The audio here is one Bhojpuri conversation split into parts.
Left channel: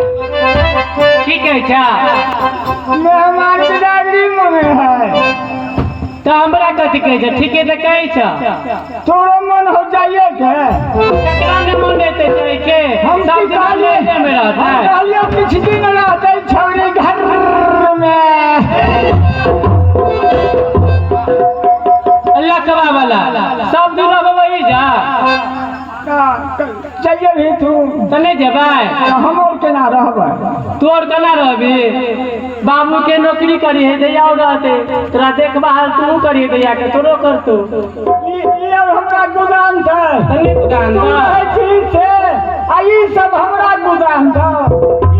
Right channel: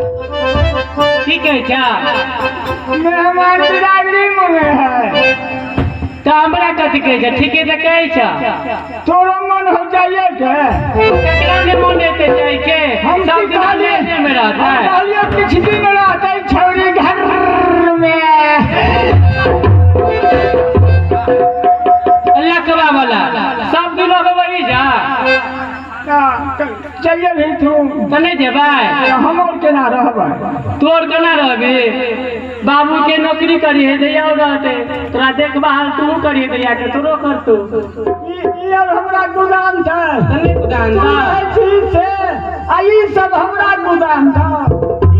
की कहे छा मेहमान बिरादरी में है तो हमरा कथी कहे छा ठीके तो कहे छा तोरो मन हो जाइए के ककरा के मन हेते जाय के हम सब दिन लेने में रहता है कहलिए कुछ दिन रहते छौरी घर में लकवा वाला सब दिन वही जा चलिए भी तू तो नहीं जेबै हम और केना रहबै तोर केना रहबी बाबू के नौकरी करी है जया रहते तोरा देखभाल तू करी भैया के तोरो करतू ई और हमरा गुदान था तने गुदान था ठीक है आई सब हमरा गुदान था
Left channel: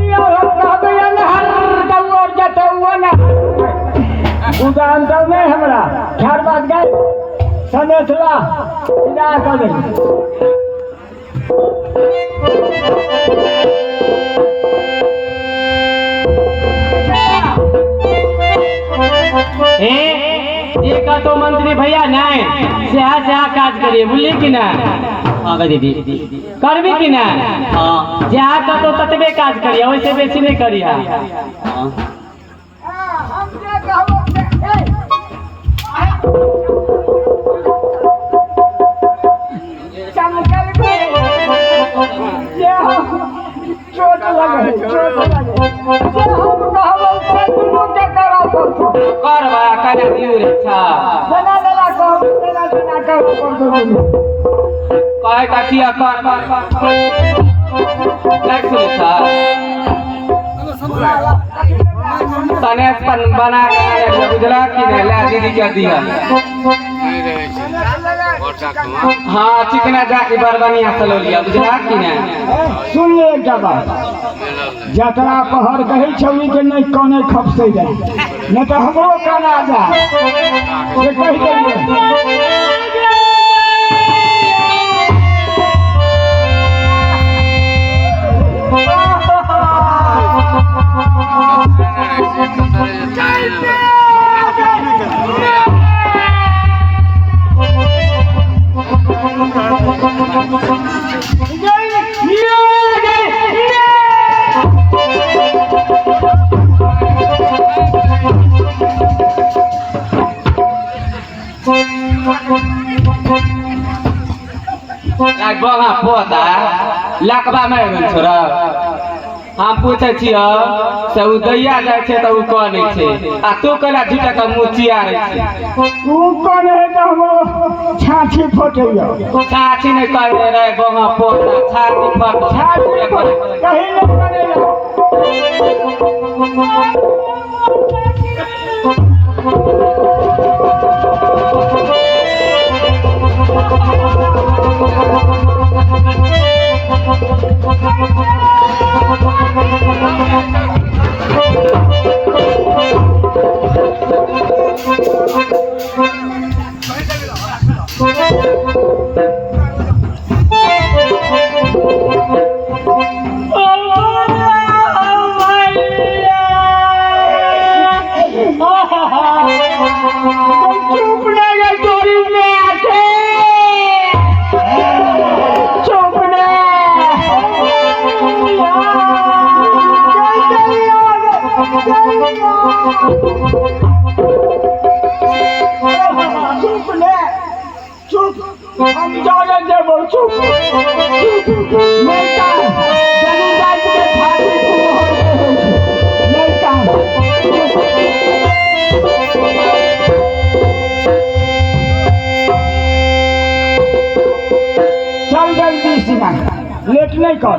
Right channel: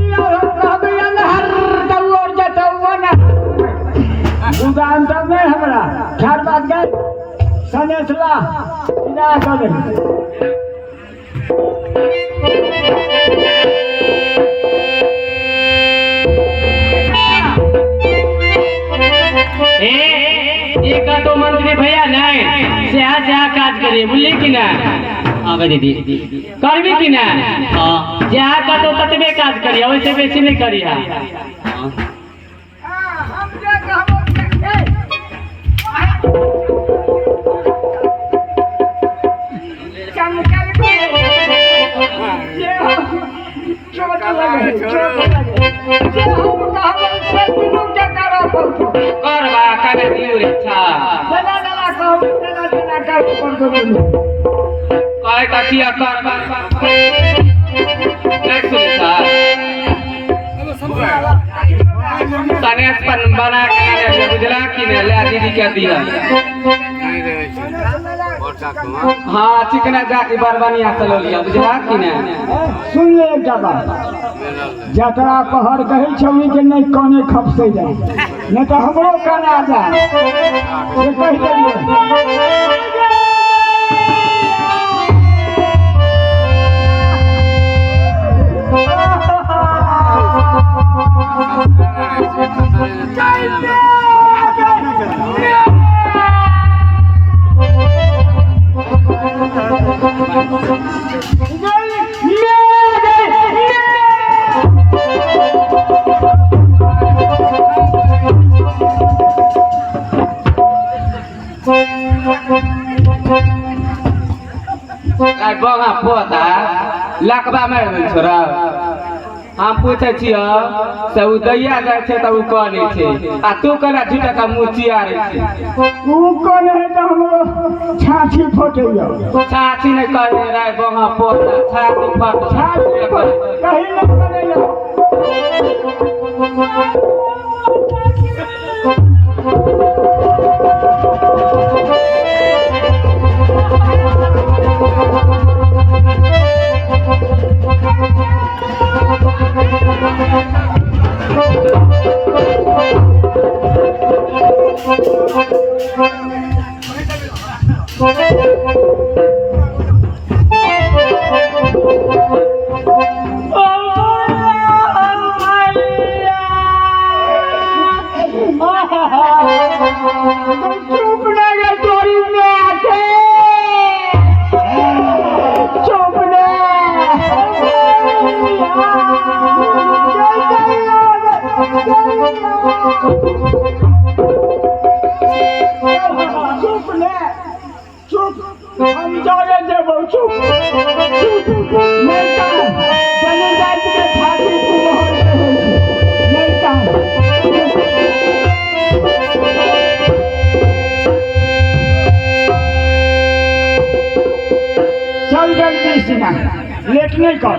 ई और हम कहबै अनहर दऊ और जतऊ न गुदान था नहीं हमरा ख्याल बात गए सनेसला इना कर ये का तो मंत्री भैया नहीं सेहा काज करिए बुझली कि ना आगे दीदी करबी कि ना हां जहाँ का तो ततबे काज करिए वैसे बेसी नहीं करिए हम जे कहबो चमकल के जे चोट लगे जे हम कहबो से दुनू के करा पड़तो करवा काने दियो रे छा जना जना कहबो जना जना कहबो पड़तो काय काटिया कर लाइक सुने छा तने पन बना के ना बुझला कि ना ला दीदी क्या दिया हाँ चिकना जाके बरबनिया चलो लिया बुझला कि ना सुन ले एकटा बात जतरा पहर कहै छौनी के नहीं काने खपसै जाय नहीं तो हमरो काना जाय से कहि देलिए बगा पोता लकबा में छोरा हम पूछे छियो से उ दैया जाय छे त उ कहै छे आ तू कला झूठा का मुचिया रे छे तू कोन है तो हम छाछी फोटैयो छाछी नहीं करे रे बगा पोता छाछी फट छाछी कहीं नहीं करेला चुप लगे तोरी में आके चुप ना चुप ले चुप हम जाने देबो चुप चुप मैं का जनी रात में फाटी को मैं का चल जल्दी सीना लेट नहीं कर